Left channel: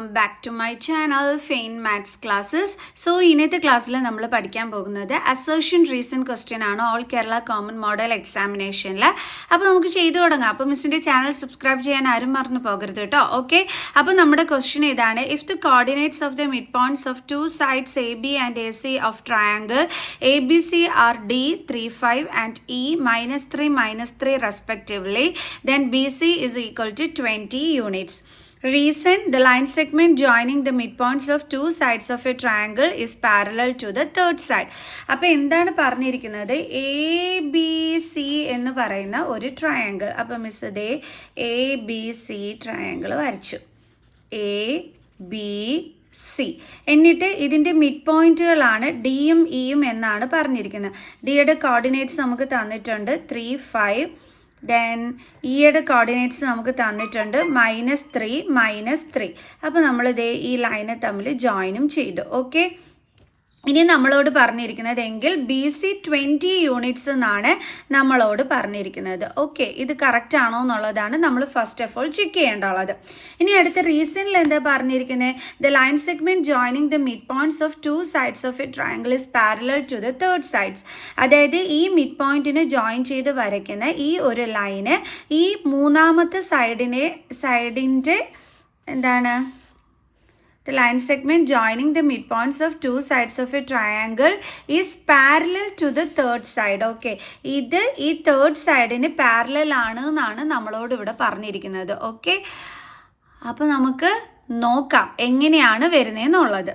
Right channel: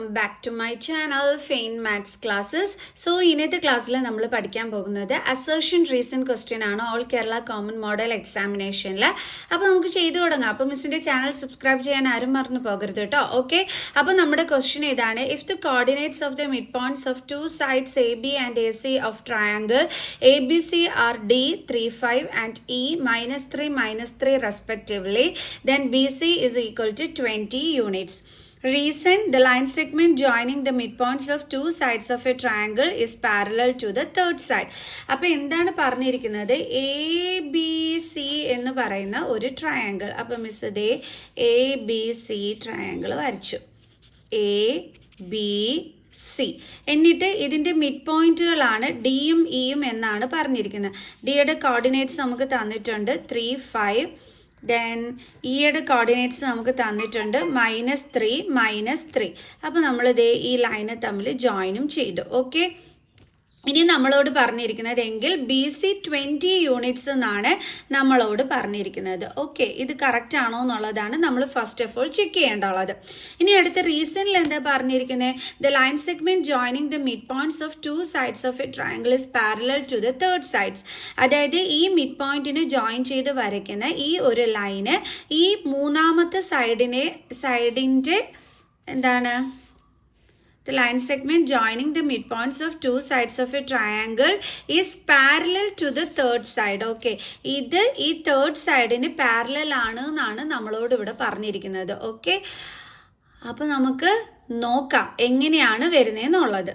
Welcome back to my channel fine maths classes. So ഇന്നത്തെ ക്ലാസ്സിൽ നമ്മൾ പഠിക്കാൻ പോകുന്നത് അസേർഷൻ റീസൺ ക്വസ്റ്റ്യൻ ആണ് ഓൾ കേരള കോമൺ മോഡൽ എക്സാമിനേഷനിൽ. അപ്പോൾ നമുക്ക് ചെയ്തു തുടങ്ങാം. അപ്പോൾ മിസ്സിന്റെ ചാനൽ സബ്സ്ക്രൈബ് ചെയ്യാൻ ആരും മറന്നു പോകരുത് കേട്ടോ. ഓക്കെ, അപ്പോൾ നമ്മുടെ ക്വസ്റ്റ്യൻ ഇതാണ്: if the coordinates of the mid points of two sides A B and A C of triangle A B C are D 3, 5 and E -3, -3 respectively, then BC is equal to 20 units. Reason: the line segment joining the midpoints of two sides of a triangle is parallel to the third side. അപ്പോൾ എന്താണ് പറഞ്ഞിരിക്കുന്നത്? A B C എന്ന് പറയുന്ന ഒരു triangle. അപ്പോൾ miss ഇതേ A B C triangle വരച്ചു. A B C എന്നിട്ട് ഇതിൻ്റെ മിഡ് പോയിന്റുകളാണ് ഡിയും ഇയും എന്നാണ് പറഞ്ഞിരിക്കുന്നത്. ഡിയുടെ കോർഡിനേറ്റ്സ് നമുക്ക് തന്നിട്ടുണ്ട് 3, 5. ദെൻ ഇയുടെ കോർഡിനേറ്റ്സ് നമുക്ക് തന്നിട്ടുണ്ട് -3, -3. അപ്പോൾ നമ്മളിതേ ഈ ലൈനെ തമ്മിൽ ജോയിനും ചെയ്തു. ഓക്കെ, ഇനി നമ്മളോട് പറഞ്ഞിരിക്കുന്നത് എങ്കിൽ ബി സി 20 യൂണിറ്റ്സ് എന്നാണ് നമ്മളോട് പറഞ്ഞിരിക്കുന്നത്. ഓക്കെ, ഇത് കറക്റ്റ് ആണോ എന്നുള്ളതാണ് നമ്മൾ ഫസ്റ്റ് ഓഫ് ഓൾ ചെക്ക് ചെയ്യേണ്ടുള്ളത്. ഇനി അടുത്ത റീസണിൽ എന്താ പറഞ്ഞിരിക്കുന്നത്? The line segment joining the mid points of two sides of a triangle is parallel to the third sides. അതായത് ഈ മിഡ് പോയിന്റിനെ ജോയിൻ ചെയ്ത് വരയ്ക്കുന്ന ഈ ഒരു ലൈന് ഈ മൂന്നാമത്തെ സൈഡിൻ്റെ എന്താണ്? The line segment joining the midpoints of two sides of a triangle is parallel to the third side. Okay, ഇത് ഈ തേർഡ് സൈഡിന് പാരലൽ ആണ് എന്നാണ് നമ്മളോട് ഇവിടെ പറഞ്ഞിരിക്കുന്നത്. ഓക്കെ, അപ്പോൾ നമുക്ക് നോക്കാം എങ്ങനെയാണ് വരുന്നതെന്നുള്ളത്.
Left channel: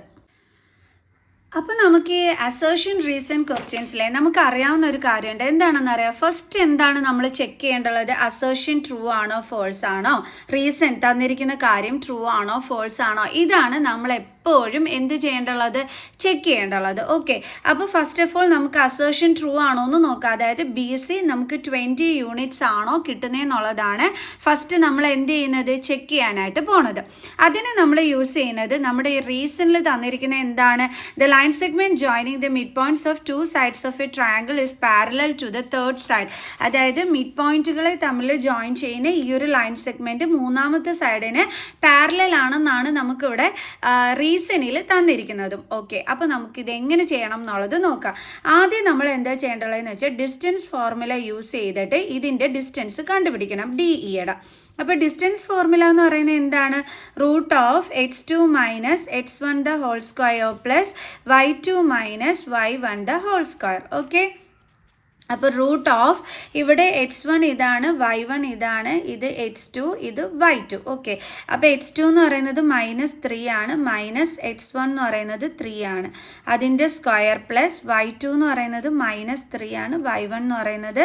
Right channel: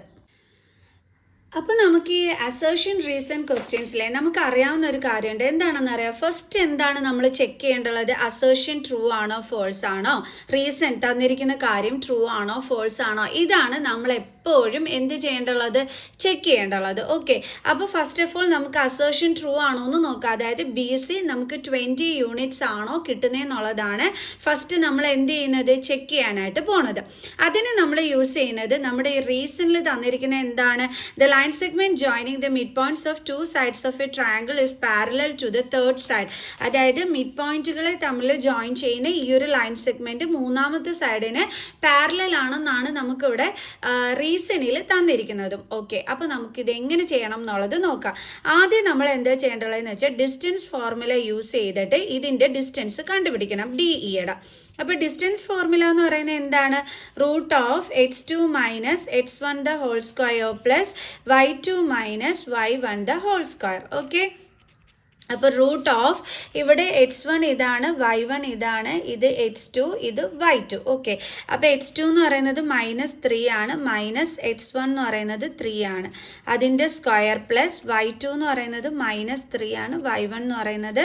അപ്പോൾ നമുക്ക് ഈ അസേർഷൻ റീസൺ ക്വസ്റ്റ്യൻസിലെ നമുക്ക് അറിയാവുന്ന ഒരു കാര്യമുണ്ട്. എന്താണെന്ന് അറിയാം? ഫസ്റ്റ് എന്താണ് നമ്മൾ ചെക്ക് ചെയ്യേണ്ടുള്ളത്? അസേർഷൻ ട്രൂ ആണോ ഫോൾസ് ആണോ, റീസൺ തന്നിരിക്കുന്ന കാര്യം ട്രൂ ആണോ ഫോൾസ് ആണോ, ഇതാണ് നമ്മൾ എപ്പോഴും എന്ത് ചെയ്യേണ്ടുള്ളത്? ചെക്ക് ചെയ്യേണ്ടുള്ളത്. ഓക്കെ, അപ്പോൾ ഫസ്റ്റ് ഓഫ് ഓൾ നമുക്ക് അസേർഷൻ ട്രൂ ആണോ എന്ന് നോക്കാം. അതായത് ബി സി നമുക്ക് 20 യൂണിറ്റ്സ് ആണോ കിട്ടുന്നതെന്നുള്ളതാണ് ഫസ്റ്റ് നമ്മൾ എന്ത് ചെയ്യുന്നത്? ചെക്ക് ചെയ്യാനായിട്ട് പോണത്. അതിന് നമ്മൾ യൂസ് ചെയ്യുന്നത് നമ്മുടെ ഈ റീസണിൽ തന്നിരിക്കുന്ന എന്താണ്? The line segment joining the midpoints of two sides of a triangle is parallel to the third side. അതായത് മിഡ് പോയിന്റുകളെ തമ്മിൽ ജോയിൻ ചെയ്യുന്ന ഈ ഒരു ലൈൻ സെഗ്മെന്റ് മൂന്നാമത്തെ സൈഡിന് പാരലൽ ആണെന്നാണ് നമുക്കിവിടെ റീസണിൽ തന്നിരിക്കുന്നതും. ഓക്കെ, അപ്പോൾ നമുക്കിത് എങ്ങനെ ചെയ്യണം എന്നുള്ളത് നോക്കാം. ആദ്യം നമ്മൾ എന്താ ചെയ്യേണ്ടതെന്ന് വെച്ചാൽ ഡിസ്റ്റൻസ് ഫോർമുല യൂസ് ചെയ്തിട്ട് ഇതിൻ്റെ ഡിസ്റ്റൻസ് കണ്ടുപിടിക്കണം, ഡി ഇയുടെ. അപ്പോൾ ഡിസ്റ്റൻസ് ഫോർമുല എന്ന് പറയുന്നത് എന്താണ്? √(x2 - x1 the whole square plus y2 - y1 the whole square. Okay, അപ്പോൾ ഇവിടെ x1 ഇതാണ്, y1 ഇതാണ്, ഇത് x2, ഇത് y2. ഓക്കെ, അപ്പോൾ x2 എന്ന് പറയുന്നത് -3 ആണ്, -x1 എന്ന് പറയുന്നത് 3 ആണ്, അതിൻ്റെ സ്ക്വയർ പ്ലസ് y2 എന്ന് പറയുന്നത് -3 ആണ്, y1 എന്ന് പറയുന്നത്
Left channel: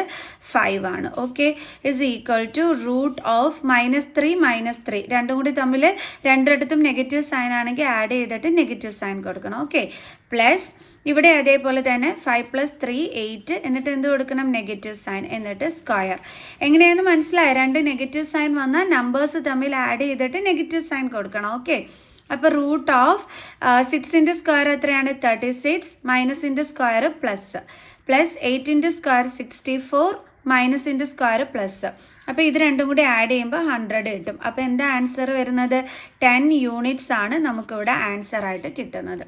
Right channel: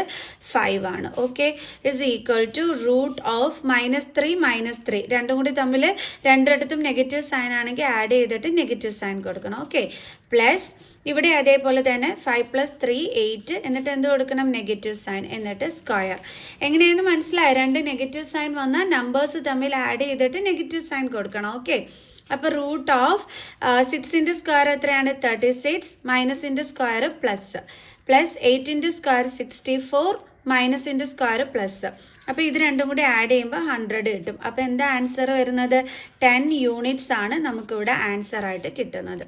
5 ആണ്. ഓക്കെ, ഇസ് ഈക്വൽ ടു √(-3 - 3) രണ്ടും കൂടി തമ്മിൽ രണ്ടിടത്തും നെഗറ്റീവ് സൈൻ ആണെങ്കിൽ ആഡ് ചെയ്തിട്ട് നെഗറ്റീവ് സൈൻ കൊടുക്കണം. ഓക്കെ, പ്ലസ് ഇവിടെ അതേപോലെ തന്നെ 5 + 3 8, എന്നിട്ട് എന്ത് കൊടുക്കണം? നെഗറ്റീവ് സൈൻ, എന്നിട്ട് സ്ക്വയർ. എങ്ങനെയാണെന്ന് മനസ്സിലായി? രണ്ട് നെഗറ്റീവ് സൈൻ വന്നാൽ നമ്പേഴ്സ് തമ്മിൽ ആഡ് ചെയ്തിട്ട് നെഗറ്റീവ് സൈൻ കൊടുക്കണം. ഓക്കെ, അപ്പോൾ √6ന്റെ സ്ക്വയർ എത്രയാണ്? 36, മൈനസിന്റെ സ്ക്വയർ പ്ലസ് 8ന്റെ സ്ക്വയർ 64, മൈനസിന്റെ സ്ക്വയർ പ്ലസ്. അപ്പോൾ ഇത് രണ്ടും കൂടി ആഡ് ചെയ്യുമ്പോൾ 100 കിട്ടും. അപ്പോൾ എന്താ ആൻസർ വരുന്നത്? 10 യൂണിറ്റ്സ് ആണ് നമുക്കിവിടെ ആൻസർ ആയിട്ട് കിട്ടുന്നത്.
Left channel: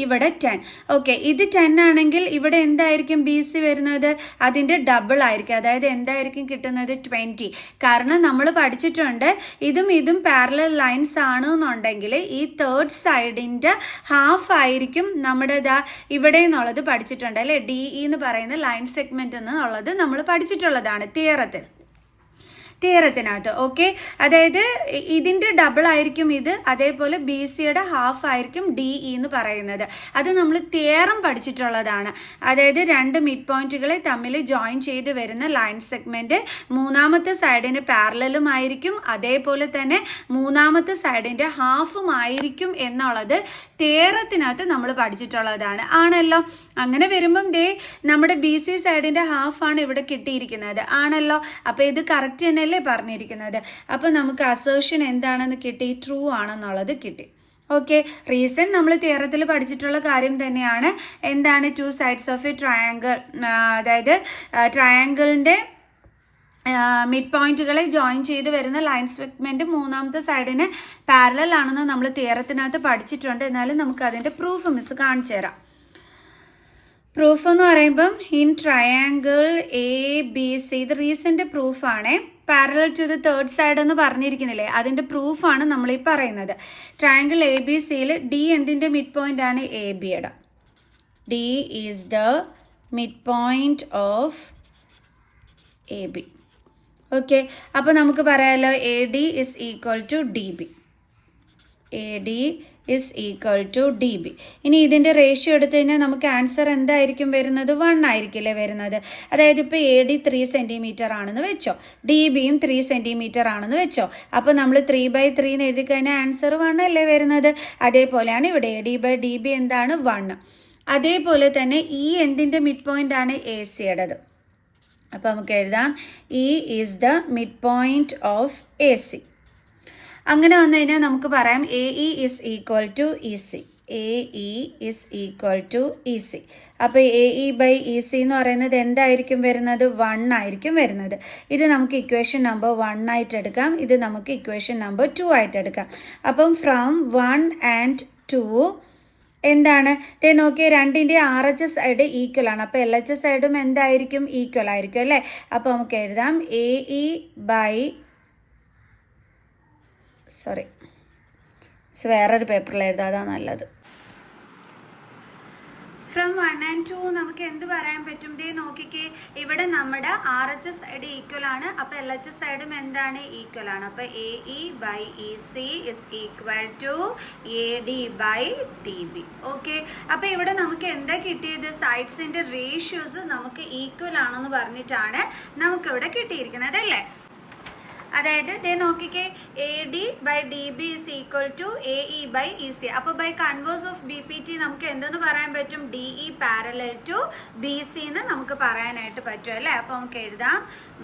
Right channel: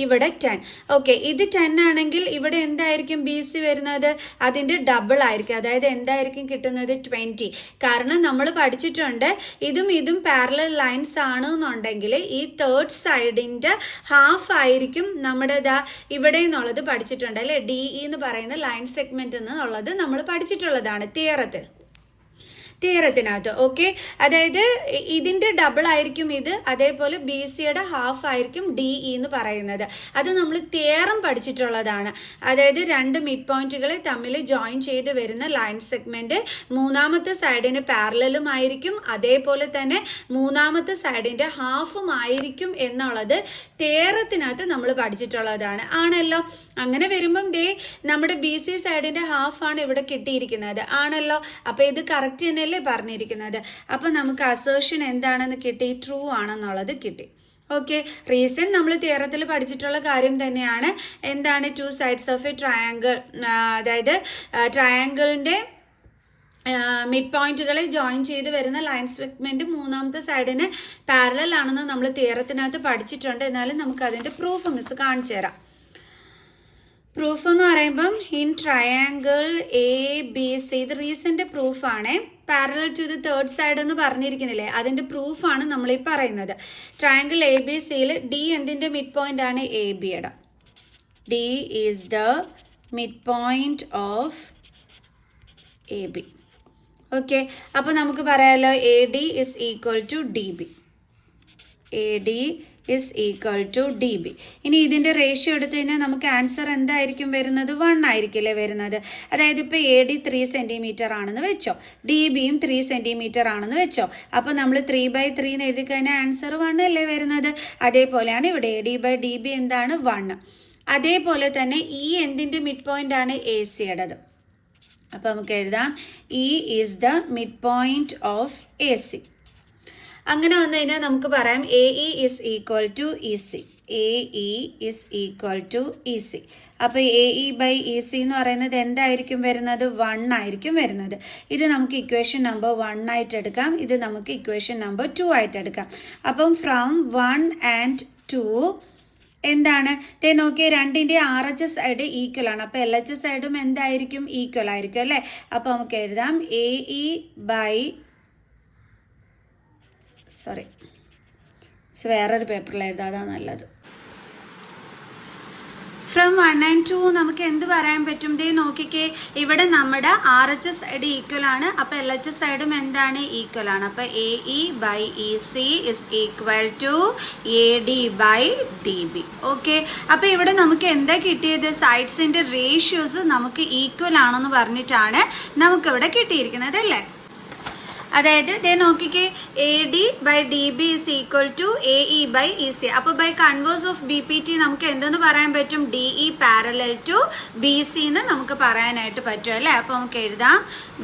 ഇവിടെ 10. ഓക്കെ, ഇത് 10 ആണെങ്കിൽ ഇവിടെ എന്തായിരിക്കും ബി സി വരുന്നത്? അതിൻ്റെ ഡബിൾ ആയിരിക്കും. അതായത് എന്തായിരിക്കും കിട്ടുന്നത്? 20. കാരണം നമ്മൾ പഠിച്ചിട്ടുണ്ട് ഇതും പാരലൽ ലൈൻസ് ആണ് എന്നുണ്ടെങ്കിൽ ഈ തേർഡ് സൈഡിൻ്റെ ഹാഫ് ആയിരിക്കും നമ്മുടെ ഇവിടെ എന്നുള്ളത് പഠിച്ചിട്ടുണ്ട് അല്ലേ? ഡി ഇ എന്ന് പറയുന്ന ലൈൻ സെഗ്മെന്റ് എന്നുള്ളത് നമ്മൾ പഠിച്ചിട്ടുള്ളതാണ് തിയറത്തിനകത്ത്. ഓക്കെ, അതായത് ഇതിൻ്റെ ഡബിൾ ആയിരിക്കും ഇത്, അതേപോലെ ബി സിയുടെ ഹാഫ് ആയിരിക്കും ഡി ഇ എന്ന് പറയുന്നത്. അത് നമ്മൾ തിയറം പഠിച്ചിട്ടുള്ളതാണ്. അതായത് രണ്ട് മിഡ് പോയിന്റുകളെ തമ്മിൽ ജോയിൻ ചെയ്ത് വരുന്ന ലൈൻ സെഗ്മെന്റ് മൂന്നാമത്തെ സൈഡിന് പാരലലും ആയിരിക്കും, അതേപോലെ തന്നെ മൂന്നാമത്തെ സൈഡിൻ്റെ ഹാഫും ആയിരിക്കും എന്നുള്ളത് തിയറത്തിനകത്ത് നമ്മൾ പഠിച്ചിട്ടുള്ളതാണ്. ആണല്ലോ? അങ്ങനെ വരുമ്പം നമ്മുടെ ബി സി സൈഡിൻ്റെ ഹാഫാണ് ഇവിടെ കിട്ടിയിരിക്കുന്നത്. ആണല്ലോ? അപ്പോൾ ഇത് കറക്റ്റ് തന്നെ പറഞ്ഞിരിക്കുന്നത്. അപ്പോൾ നമുക്ക് അസേർഷൻ എന്താണെന്ന് കിട്ടി? ട്രൂ ആണെന്നുള്ളത് കിട്ടി. ഓക്കെ, റീസൺ നമ്മൾ തിയറത്തിൽ പഠിച്ചിട്ടുള്ള കാര്യം തന്നെയാണ്. എന്താണ്? To sides of a triangle, അതായത് ട്രയാങ്കിളിൻ്റെ മിഡ് പോയിന്റുകളെ ജോയിൻ ചെയ്ത് വരുന്ന ലൈൻ സെഗ്മെന്റ് മൂന്നാമത്തെ സൈഡിന് പാരലൽ ആണെന്ന് നമ്മൾ തിയറത്തിനകത്ത് പഠിച്ചിട്ടുണ്ട്. എന്നാലും നമുക്ക് അതിന്റെ പ്രൂഫ് മിസ് കാണിച്ചു തരാം. പ്രൂഫ് എന്ന് പറയുമ്പം ഇൻ ട്രയാങ്കിൾ ABC, ഇത് റീസെന്റ് പ്രൂഫാണ്. Parallel to the third side എന്ന് പറഞ്ഞിരിക്കുന്നില്ലേ, അതിന്റെ പ്രൂഫാണ് നമ്മൾ ഈ പറയുന്നത്. ട്രയാങ്കിൾ ABCയിൽ D എന്തിന്റെ മിഡ് പോയിന്റ് ആണ്? ABയുടെ. D is the mid point of AB. Okay, അപ്പോൾ നമുക്ക് പറയാലോ AD is equal to DB. AD is equal to DB. ഇനി ഇതിൻ്റെ റേഷ്യോ എടുത്തു കഴിഞ്ഞാൽ നമുക്ക് ആൻസർ എന്തായിരിക്കും വരുന്നത്? 1 ആയിരിക്കില്ലേ വരുന്നത്. അതായത് ഇപ്പോൾ AD 3 സെൻറ്റിമീറ്റർ ആണെന്ന് വെച്ചോ, DBയും 3 സെൻറ്റിമീറ്റർ ആണെന്ന് വെച്ചോ. അപ്പോൾ നമ്മൾ 3/3 എന്ന് എഴുതി കഴിഞ്ഞാൽ ആൻസർ 1 അല്ലേ വരുന്നത്. അതേപോലെയാണ് ഇവിടെ AD/DB എന്താണ്? 1. അതേപോലെ തന്നെ ഈ എന്തിൻ്റെ മിഡ് പോയിന്റ് ആണ്? AC-യുടേത്. അപ്പോൾ നമുക്ക് എഴുതാം E is the mid point of AC. അങ്ങനെ വന്നു കഴിഞ്ഞാൽ നമുക്ക് പറയാം AE is equal to EC. AE is equal to EC. അപ്പോൾ AE/EC എന്ന് പറയുന്നത് എന്തായിരിക്കും വരുന്നത്? 1 ആയിരിക്കും വരുന്നത്. ഇത് നമുക്ക് ഇക്വേഷൻ നമ്പർ 1 ആയിട്ട് എടുക്കാം, ഇത് നമുക്ക് ഇക്വേഷൻ നമ്പർ 2 ആയിട്ട് എടുക്കാം. അപ്പം ഫ്രം 1 and 2 എന്താണ്? നോക്കിയ രണ്ടിൻ്റെ RHS സൈഡ് ഈക്വൽ ആണ്. അപ്പോൾ LHS സൈഡും എന്തായിരിക്കും? ഈക്വൽ ആയിരിക്കും അല്ലേ. അപ്പോൾ നമുക്ക് എഴുതാം വേറൊരു പേപ്പറിൽ എഴുതാം, അതാണ് നല്ലത്. ഫ്രം 1 and 2 നമുക്ക് എന്ത് പറയാൻ പറ്റും? നോക്കിക്കേ, ഇവിടെ നമ്മുടെ RHS സൈഡ് ഈക്വൽ ആണ്, അപ്പോൾ LHS സൈഡും എന്താണ്? ഈക്വൽ ആണ്. അപ്പോൾ AE/EC is equal to AD/DB. Okay, അപ്പോൾ ഇവിടെ നമുക്ക് എന്താ കിട്ടിയത്? സൈഡ്സിൻ്റെ റേഷ്യോസ് നമുക്ക് ഈക്വൽ ആണെന്ന് പറഞ്ഞിട്ടാണ് നമുക്കിവിടെ കിട്ടിയിരിക്കുന്നത് അല്ലേ. അതായത് നോക്കിക്കേ, AD/DB is equal to AE/EC. അപ്പോൾ ബൈ കൺവേഴ്സ് ഓഫ് BPT നമുക്ക് എന്തെന്ന് പറയാൻ പറ്റും? DE പാരലൽ ടു BC എന്ന് നമുക്ക് പറയാനായിട്ട് പറ്റും അല്ലേ. അപ്പോൾ നമുക്ക് എഴുതാം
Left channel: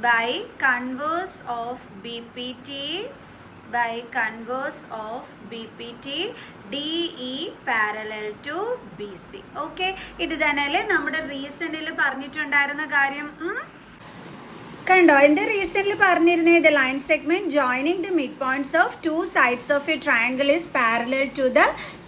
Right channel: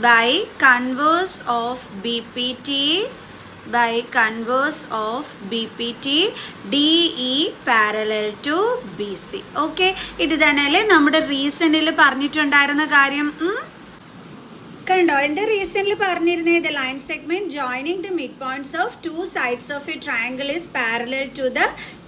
by converse of BPT DE parallel to BC. Okay, ഇത് തന്നെയല്ലേ നമ്മുടെ റീസണിൽ പറഞ്ഞിട്ടുണ്ടായിരുന്ന കാര്യം. കണ്ടോ, എൻ്റെ റീസെൻ്റ്ലി പറഞ്ഞിരുന്നത് line segment joining the mid points of 2 sides of a triangle is parallel to the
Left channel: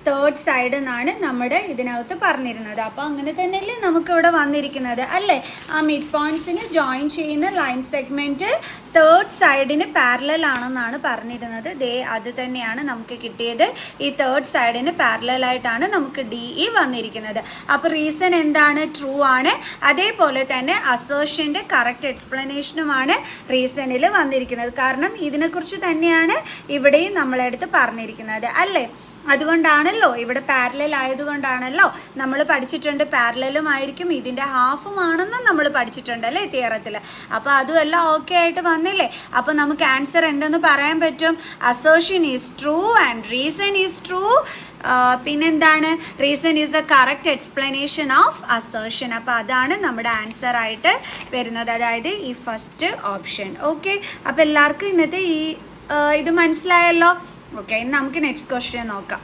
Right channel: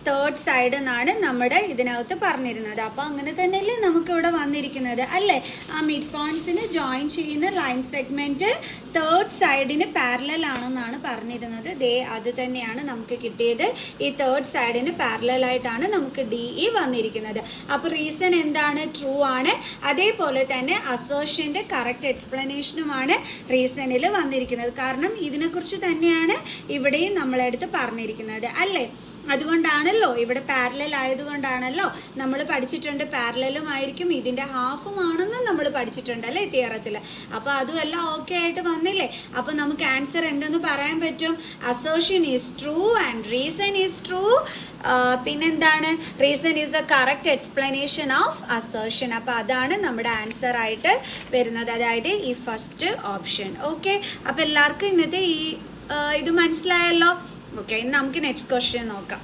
third side എന്നാണ് നമ്മുടെ ഇതിനകത്ത് പറഞ്ഞിരുന്നത്. അപ്പോൾ അങ്ങനെ തന്നെയല്ലേ നമുക്കിവിടെ വന്നിരിക്കുന്നത് അല്ലേ. ആ മിഡ് പോയിന്റ്സിന് ജോയിൻ ചെയ്യുന്ന ലൈൻ സെഗ്മെന്റ് തേർഡ് സൈഡിന് പാരലൽ ആണെന്നാണ് പറഞ്ഞിരുന്നത്. അത് തന്നെയാണ് നമുക്ക് കിട്ടിയത്. ഈ തേർഡ് സൈഡിന് പാരലൽ ആയിട്ടാണ് നമുക്ക് DE വന്നിരിക്കുന്നത്. അപ്പോൾ റീസൺ എന്താണ്? ട്രൂ ആണ്. അതേപോലെ തന്നെ അസേർഷൻ്റെ കറക്റ്റ് എക്സ്പ്ലനേഷനുമാണ് റീസണിൽ വന്നിരിക്കുന്നത്. കാരണം ഇതിനെക്കുറിച്ച് തന്നെയാണ് ഇവിടെയും നമ്മളെടുത്ത് പറഞ്ഞിരിക്കുന്നത് അല്ലേ. അതുകൊണ്ടാണല്ലോ ഇവിടെ പാരലൽ ആയതുകൊണ്ടാണല്ലോ നമ്മൾ പഠിച്ചിട്ടുണ്ട്. പാരലലും ആയിരിക്കും ഇതിൻ്റെ ഹാഫും ആണെന്ന് നമ്മൾ പഠിച്ചിട്ടുണ്ട് അല്ലേ തിയറത്തിൽ. അപ്പോൾ അതുമെല്ലാം ഓക്കെ ആയിട്ട് വന്നില്ലേ. അപ്പോൾ നമുക്ക് ആൻസർ എന്തെന്ന് പറയാൻ പറ്റും? Assertion is true and reason is true. പിന്നെന്താണ്? Reason is the correct explanation of assertion. അപ്പോൾ അതാണ് നമ്മുടെ ആൻസർ ആയിട്ട് വരുന്നത്, അതായത് ഈ ഫസ്റ്റ് ഓപ്ഷൻ. ഓക്കെ, അപ്പോൾ എല്ലാവർക്കും ഇന്നത്തെ ഇത് മനസ്സിലായല്ലോ. ഓക്കെ, നമുക്ക് നെക്സ്റ്റ് ക്വസ്റ്റ്യൻ നോക്കാം.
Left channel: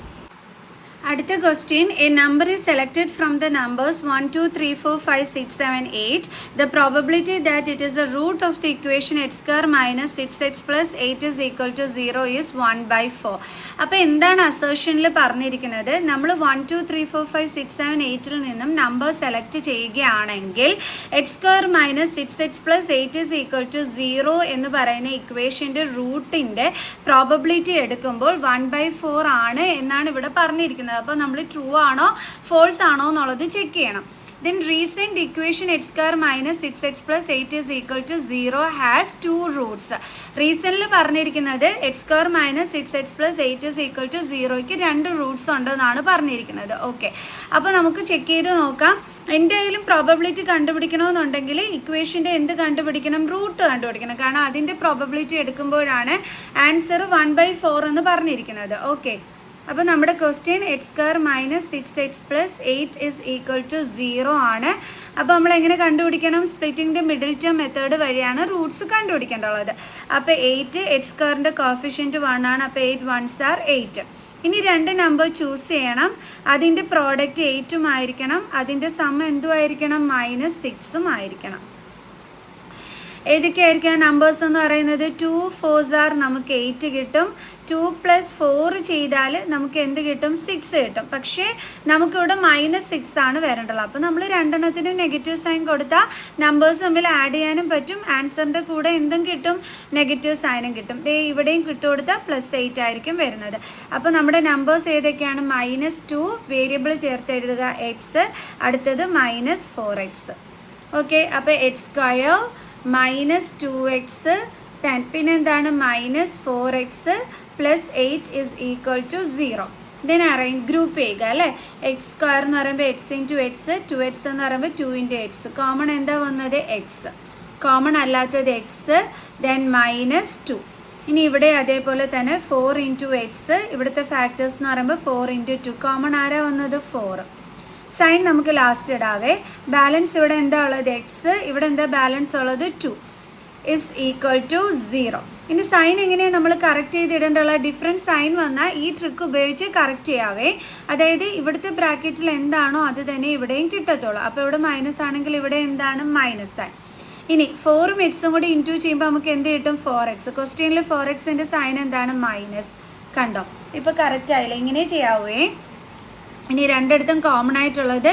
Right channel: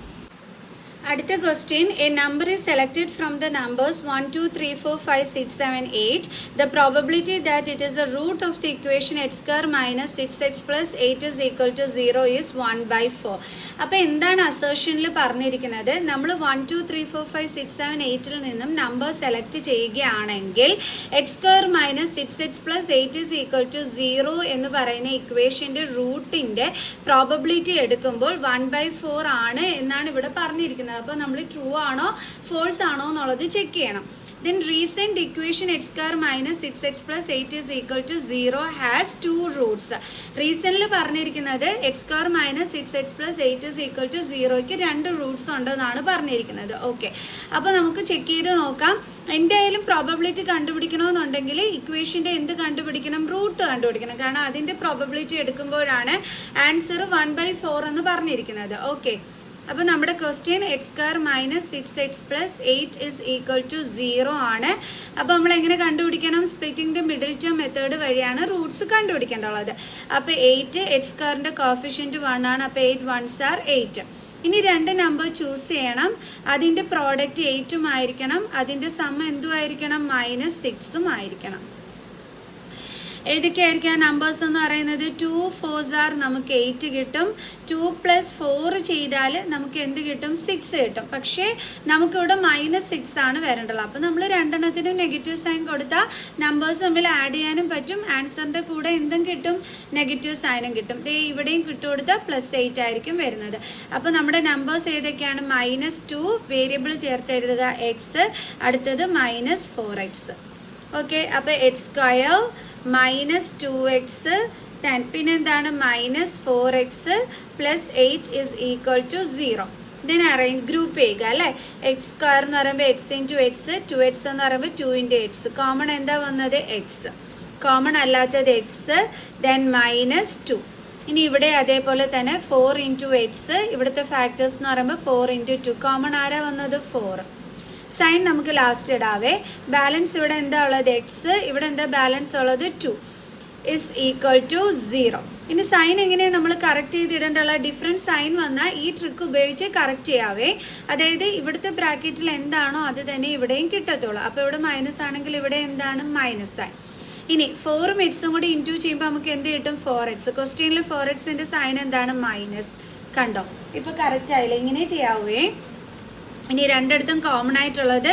അടുത്ത question, a number is selected from the numbers 1 2 3 4 5 6 7 8. The probability that it is the root of the equation x² - 6x + 8 is equal to 0 is 1/4. അപ്പോൾ എന്താണ് അസേർഷനിൽ പറഞ്ഞിരിക്കുന്നത്? നമ്മൾ 1 2 3 4 5 6 7 8ൽ നിന്നും നമ്പർ സെലക്ട് ചെയ്യുകയാണെങ്കിൽ x² - 6x + 8 is equal to 0 എന്ന് പറയുന്ന ഇക്വേഷൻ്റെ റൂട്ടിൻ്റെ probability എടുക്കുമ്പോൾ 1/4 ആണ് എന്നാണ് ഇവിടെ പറഞ്ഞിരിക്കുന്നത്. അപ്പോൾ നമ്മൾ ട്രൂ ആണോ ഫോൾസ് ആണോ എന്നുള്ളത് ചെക്ക് ചെയ്യണം. Then recent equation x² - 6x + 8 is equal to 0 has 2 roots. റീസണിൽ പറഞ്ഞിരിക്കുന്നത് x² - 6x + 8 is equal to 0ക്ക് 2 Roots ഉണ്ടെന്നാണ് പറഞ്ഞിരിക്കുന്നത്. ഓക്കെ, അപ്പോൾ നമുക്ക് ചെക്ക് ചെയ്ത് നോക്കാം. എന്തായാലും പ്രോബബിലിറ്റി കണ്ടുപിടിക്കണമെന്നുണ്ടെങ്കിൽ ഇക്വേഷൻ്റെ എന്ത് കണ്ടുപിടിക്കണം? റൂട്ട് കണ്ടുപിടിക്കണം. കാരണം അതിൻ്റെ പ്രോബബിലിറ്റി എടുക്കുമ്പോഴാണ് ആൻസർ 1/4 എന്ന് പറഞ്ഞിരിക്കുന്നത്. ഓക്കെ, അപ്പോൾ നമ്മുടെ question x² - 6x + 8 is equal to 0 ആണ്. അപ്പോൾ നമ്മൾ എങ്ങനെ കണ്ടുപിടിക്കണം? Splitting the middle term method വഴിയാണ് റൂട്ട്സ് കണ്ടുപിടിക്കേണ്ടത്. അപ്പോൾ 8 x²ൻ്റെ കോഫിഷ്യൻറ്റ് 1 ആണ്. അപ്പോൾ 8 1s are 8. ഇനി 2 നമ്പർ ചൂസ് ചെയ്യണം. അതിൻ്റെ പ്രോഡക്റ്റ് 8ഉം ആയിരിക്കണം, അതിൻ്റെ സം എന്തും ആയിരിക്കണം? -6ഉം ആയിരിക്കണം. ഏതൊക്കെയായിരിക്കും നമ്പേഴ്സ് എന്ന് പറയുന്നത്? 2 4s are നമുക്ക് 8 കിട്ടും. 2 + 4 ചെയ്താൽ നമുക്ക് എന്ത് കിട്ടും? 6 കിട്ടും. പക്ഷേ നമുക്കിവിടെ -6 ആണ് വരേണ്ടത്. അപ്പോൾ നമ്മൾ രണ്ടെണ്ണത്തിനും നെഗറ്റീവ് സൈൻ കൊടുത്താൽ നമ്പേഴ്സ് തമ്മിൽ ആഡ് ചെയ്യാനും പറ്റും. ആൻസറിൻ്റെ കൂടെ എന്തും കിട്ടും? നെഗറ്റീവ് സൈനും കിട്ടും. ഇവിടെയും കിട്ടുകൊടുത്താൽ +8 ആയിരിക്കും വരുന്നത്. അപ്പോൾ നമ്മുടെ നമ്പേഴ്സ് ഏതൊക്കെയാണ്? -2 വേരിയബിൾ ചേർത്ത് എഴുതുക x, അടുത്തത് -4x. ഓക്കെ, അപ്പോൾ x² -2x 10, പിന്നെ എന്താണ്? -4x + 8 = 0. ഇതിനെ ഗ്രൂപ്പ് ചെയ്യുക അല്ലേ? x² എന്ന് പറയുമ്പോൾ x × x, 2x എന്ന് പറയുമ്പോൾ 2 × x. കോമൺ എന്താ വന്നത്? x. കോമൺ അല്ലാത്തത് x, ദെൻ -2. ഇനി ഇവിടെ അതേപോലെ തന്നെ 4 × x, ഇവിടുത്തെ ഫാക്ടേഴ്സ് എന്ന് പറയുമ്പോൾ 4 × 2. കോമൺ ആരാ വന്നത്? 4. സൈൻ നമുക്ക് ലാസ്റ്റ് ഇടാവേ. ബാലൻസ് ഇവിടെ എന്താ ഉള്ളത്? x, ഇവിടെ എന്താ ബാലൻസ് ഉള്ളത്? 2 = 0. ഇനി സൈൻ എങ്ങനെയാണ് നമ്മൾ കറക്റ്റ് ചെയ്തിടേണ്ടുള്ള? ഡിഫറെൻറ്റ് സൈൻ വന്നാൽ ഈ ട്രിക്ക് ഉപയോഗിച്ച് കറക്റ്റ് ചെയ്യാവേ. അതായത് ഇവിടുത്തെ ബ്രാക്കറ്റിൽ എന്താണോ അത് തന്നെ ഇവിടെയും കിട്ടത്തുള്ളൂ. അപ്പോൾ ഇവിടെ മൈനസ് ആണെങ്കിൽ ഇവിടെ എന്താണ്? -ആണ്. ഇനി 4ഉം x കൂടി ഇൻറ്റു ചെയ്യുമ്പോൾ നമുക്ക് എന്ത് കിട്ടും? 4x. ക്വസ്റ്റ്യനിൽ 4xൻ്റെ സൈൻ എന്താണ്? മൈനസ്. കണ്ടോ? ഇപ്പോൾ കറക്റ്റ് ആയില്ല. ഇങ്ങനെ ചെയ്യാവേ. ഇനി രണ്ടിടത്തും കോമൺ ആയിട്ടുള്ളത്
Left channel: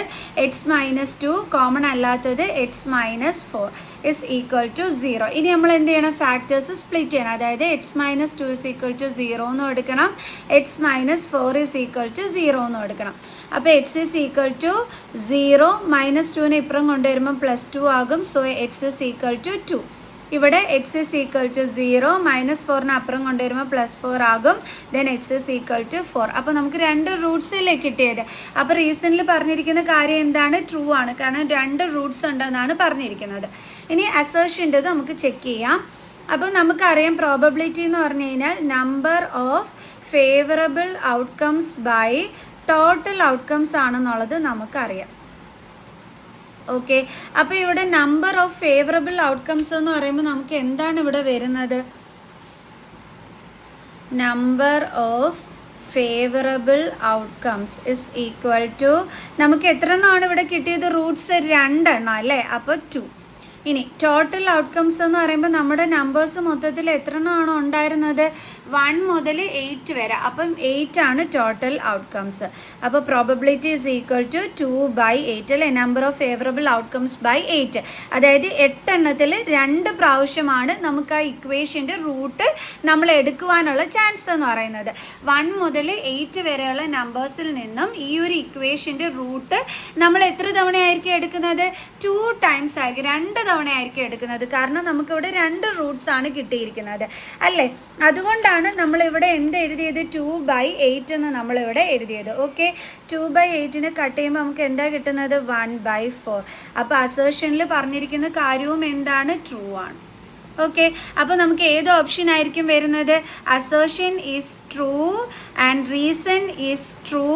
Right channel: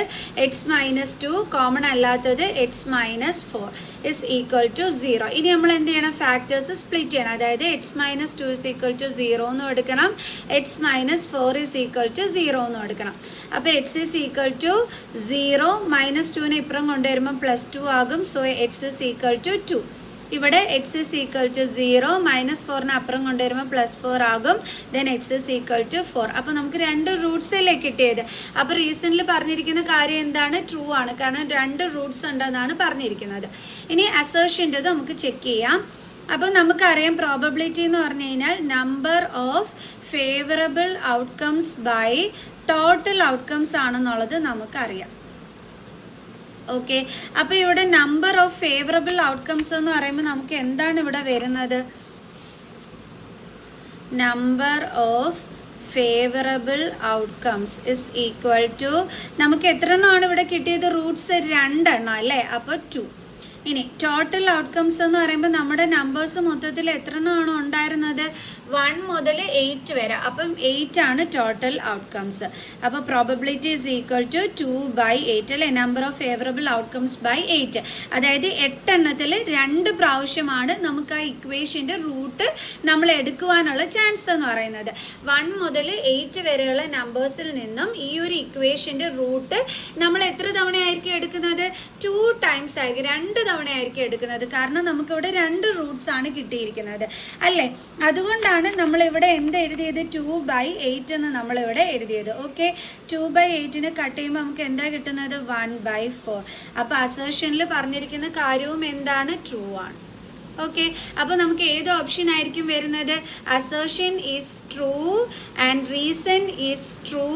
x -2, കോമൺ അല്ലാത്തത് x -4 = 0. ഇനി നമ്മൾ എന്ത് ചെയ്യണം? ഫാക്ടേഴ്സ് സ്പ്ലിറ്റ് ചെയ്യണം. അതായത് x -2 = 0 എന്നും എടുക്കണം, x -4 = 0 എന്നും എടുക്കണം. അപ്പോൾ x = 0, -2നെ ഇപ്പുറം കൊണ്ടുവരുമ്പോൾ +2 ആകും. So x = 2. ഇവിടെ x = 0, -4ന് അപ്പുറം കൊണ്ടുവരുമ്പോൾ +4 ആകും. Then x = 4. അപ്പോൾ നമുക്ക് 2 റൂട്ട്സ് അല്ലേ കിട്ടിയത്. അപ്പോൾ റീസണിൽ പറഞ്ഞിരിക്കുന്ന കാര്യം എന്താണ്? ട്രൂ ആണ്. കാരണം 2 റൂട്ട്സ് ഉണ്ടെന്നാണ് പറഞ്ഞിരിക്കുന്നത്. ഇനി അസേർഷൻ്റെത് നമുക്ക് ചെക്ക് ചെയ്യാം. അപ്പോൾ നമുക്കറിയാം പ്രോബബിലിറ്റി എന്ന് പറഞ്ഞു കഴിഞ്ഞാൽ number of favourable outcomes by total outcomes ആണെന്നുള്ളത് നമുക്കറിയാം. ഓക്കെ, അപ്പോൾ ഇവിടെ നമ്പർ ഓഫ് ഫേവറബിൾ ഔട്ട്കംസ് എന്ന് പറയുമ്പോൾ നമുക്ക് എന്താണ് ഇവിടെ വരുന്നത്? നമ്പർ ഓഫ് ഫേവറബിൾ ഔട്ട്കംസ് = നമുക്ക് എത്ര എണ്ണമാണ് ഇവിടെ കിട്ടിയത്? റൂട്ട്സ് 2 എണ്ണം അല്ലേ? അപ്പോൾ 2. ഇനി ടോട്ടൽ ഔട്ട്കംസ് എന്ന് പറയുമ്പോൾ നമ്മുടെ നമ്പേഴ്സ് മൊത്തത്തിൽ എത്ര എണ്ണമാണ് ഉണ്ടായിരുന്നത്? 1 മുതൽ 8 വരെ. അപ്പം 8 ആണ് ടോട്ടൽ ഔട്ട്കംസ്. അപ്പോൾ പ്രോബബിലിറ്റി = 2/8 അല്ലേ? Number of favourable outcomes by 8. അതായത് 8 എണ്ണത്തിൽ 2 പ്രാവശ്യമാണ് നമുക്ക് ആ ഇക്വേഷൻ്റെ റൂട്ട് നമ്മൾ എടുക്കുവാനുള്ള ചാൻസ് എന്ന് പറയുന്നത്. 1 മുതൽ 8 വരെയുള്ള നമ്പേഴ്സിൽ നിന്നും ഈ ഒരു ഇക്വേഷൻ്റെ റൂട്ട് നമ്മൾ എത്ര തവണയായിരിക്കും എടുക്കുന്നത്? 2 ടൈംസ് ആയിരിക്കും, 2 തവണയായിരിക്കും എടുക്കുന്നത്. കാരണം നമുക്കിവിടെ 2 റൂട്ട്സ് ആണ് കിട്ടിയിരിക്കുന്നത് അല്ലേ? അതുകൊണ്ടാണ് നമ്മളിവിടെ എന്ത് എഴുതിയത്? 2/8 എന്ന് നമ്മളിവിടെ എഴുതിയത്. ഓക്കെ, 2/8നെ കട്ട് ചെയ്യുമ്പോൾ നമുക്ക് എന്താ കിട്ടുന്നത്? 1/4. അപ്പോൾ അസേർഷനിൽ പറഞ്ഞിരിക്കുന്ന കാര്യവും എന്താണ്? ട്രൂ ആണ്. ഓക്കെ, അപ്പോൾ നമുക്ക് ഏത് ഓപ്ഷൻ ആയിരിക്കും വരുന്നത്? Assertion is true and reason is true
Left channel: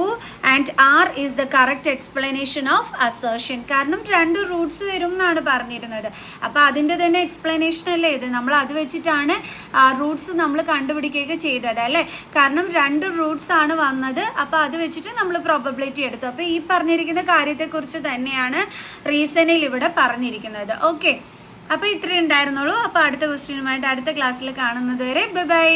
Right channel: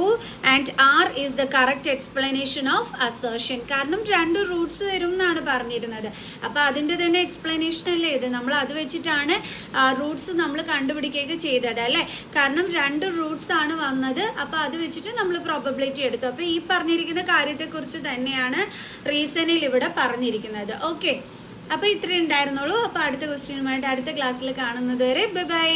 and R is the correct explanation of assertion. കാരണം 2 റൂട്ട്സ് വരും എന്നാണ് പറഞ്ഞിരുന്നത്. അപ്പോൾ അതിൻ്റെ തന്നെ എക്സ്പ്ലനേഷൻ അല്ലേ ഇത്? നമ്മൾ അത് വെച്ചിട്ടാണ് റൂട്ട്സ് നമ്മൾ കണ്ടുപിടിക്കുകയൊക്കെ ചെയ്തത് അല്ലേ? കാരണം 2 റൂട്ട്സ് ആണ് വന്നത്. അപ്പോൾ അത് വെച്ചിട്ട് നമ്മൾ പ്രോബബിലിറ്റി എടുത്തു. അപ്പോൾ ഈ പറഞ്ഞിരിക്കുന്ന കാര്യത്തെക്കുറിച്ച് തന്നെയാണ് റീസണിൽ ഇവിടെ പറഞ്ഞിരിക്കുന്നത്. ഓക്കെ, അപ്പോൾ ഇത്രയും ഉണ്ടായിരുന്നുള്ളൂ. അപ്പോൾ അടുത്ത ക്വസ്റ്റ്യനുമായിട്ട് അടുത്ത ക്ലാസ്സിൽ കാണുന്നത് വരെ ബൈ ബൈ.